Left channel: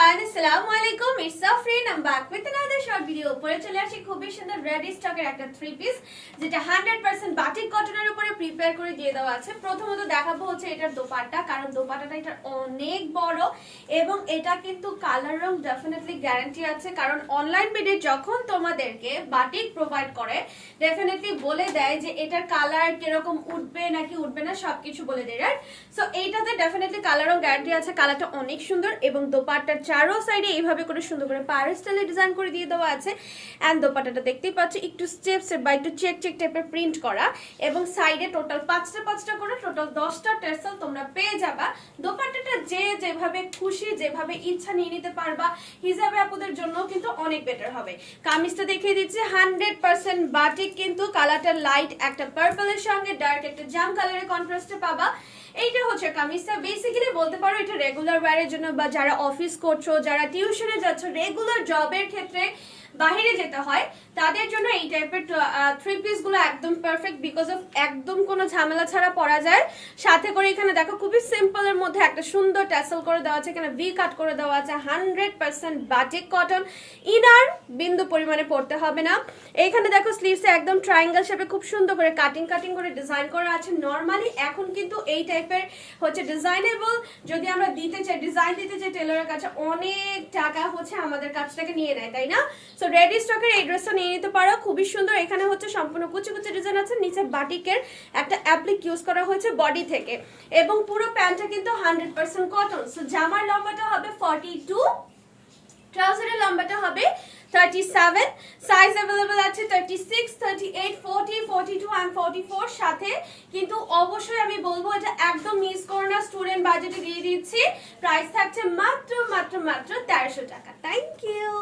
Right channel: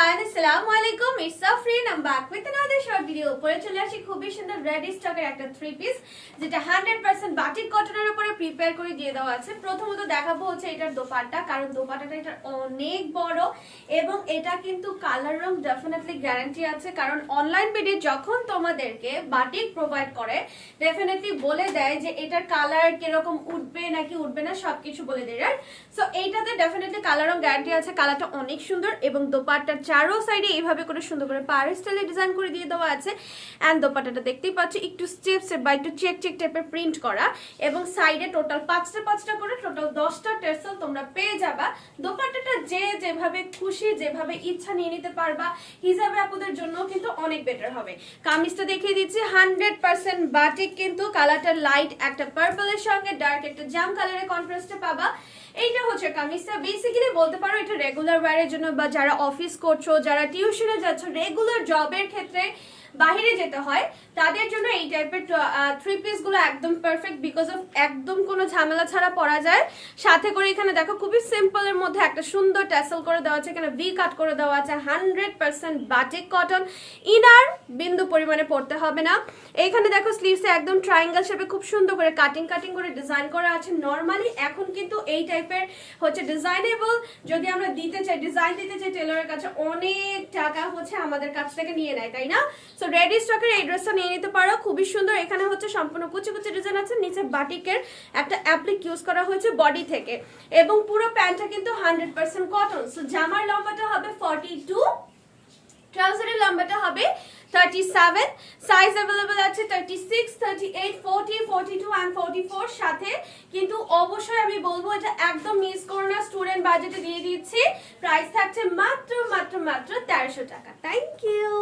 Everyone আসসালামু আলাইকুম it's Afrin I am back with another short video পরে চলে আসি খুবই সুন্দর রেড স্টকের একটা থ্রি পিস যেটা 100% বাটিক কটনের উপরে প্রিপেয়ার করে দিয়ে দেওয়া আছে। প্রথমত দেখাবো হচ্ছে এটার দোপাট্টা, কারণ দোপাট্টাটা এটা অনেক বড় এবং এটা কিন্তু কালার রং ডেফিনেটলি গ্যারান্টি আছে, কারণ অনলাইন পেজে যখন তোমাদেরকে বাটিক প্রোভাইড করে ডেফিনেটলি বলে দেয় যে এটার কালার কীরকম উঠবে নাকি উঠবে না, সবকিছু বলে দেয় রাইট সো এইটাতে ডেফিনেটলি কালার রং গ্যারান্টি আছে কালারটা অনেক সুন্দর এবং দোপাট্টার চারো সাইডে এইভাবে করে সুন্দর করে পাড়ের স্টাইলে ডিজাইন করে দিয়ে দেওয়া আছে। অ্যান্ড দোপাটাটা দেখতেই পাচ্ছ, একটু স্টেপ স্টেপ বা একটু চেক চেক টাইপের প্রিন্ট করা। এবং সাইডে টোটাল পাঁচটা পাঁচটা করে টোটাল দশটা টেসেল তোমরা পেয়ে যাবা। দোপাট্টাটা যে যেভাবে খুশি, যেভাবে ইচ্ছা নিয়ে নিতে পারবা, হিসাবে আপুদের জন্য কিন্তু অনেক বেটার হবে। কামিজটা দেখিয়ে দিচ্ছি হান্ড্রেড পার্সেন্ট বাটিক কিন্তু কালারটা লাইট একটা পার্পলের সঙ্গে ডার্ক একটা জাম কালারের কন্ট্রাস্টে পাবা। এইটা হচ্ছে কামিজটা। বেসিক্যালি বলতে পারো এটা রেগুলার ওয়্যারের জন্য বা যারা অফিস করছ, যারা টিউশনে যাচ্ছ রেগুলার জবের ক্ষেত্রে বাইরে যেতে হয়, তাদের জন্য এই টাইপের থ্রি পিসগুলো একদম পারফেক্ট বিকজ অফ একদম কোনো ঝামেলা ছাড়া পরা যায়। সাথে করে এখানে দেখো খুবই সিম্পল এর মধ্যে একটা সুন্দর ট্যাসেল করে দেওয়া আছে, এখানে ভি কাট করে দেওয়া আছে hundred percent batik cotton inner বিন্দু পরিমাণে পড়তে হবে না। এখানে দেখো স্লিভসে একদম ট্রায়াঙ্গেল শেপে খুব সুন্দর করে কাটিং কাটিং করে ডিজাইন করা আছে। নর্মালি এখন কিন্তু এই টাইপের হচ্ছে ডিজাইনেবল যদি আমরা দিতে চাই ডিজাইন দিতে চাই টেলরের কাছে অনেক টাকা হচ্ছে আমাদের কাছ থেকে নিয়ে নেয়, তাই না? সো রেডি স্টকের এই ড্রেসটা নিয়ে নিতে পারো। খুবই সুন্দর। এখানে হচ্ছে সম্পূর্ণ কুচি কুচি ডিজাইন আছে। নিচে বাটিকের একটা অ্যাপ্লিক ইউজ করা হয়েছে বডি থেকে। এবং পুরো প্যান্টটা কিন্তু হান্ড্রেড পার্সেন্ট কটন সো জামার লম্বাটা হবে ফর্টি টু ট্রাউজারের লম্বাটা হবে থার্টি সেভেন সাইজ অ্যাভেলেবল আছে thirty six thirty eight forty forty two and forty four সাথে। কিন্তু অবশ্যই আমি বলব, এটা একদম মিস করো না। স্টুডেন্ট বাজেটে দিয়ে দিচ্ছি। প্রাইস থাকছে মাত্র মাত্র মাত্র তেরোশো টাকা। Thank you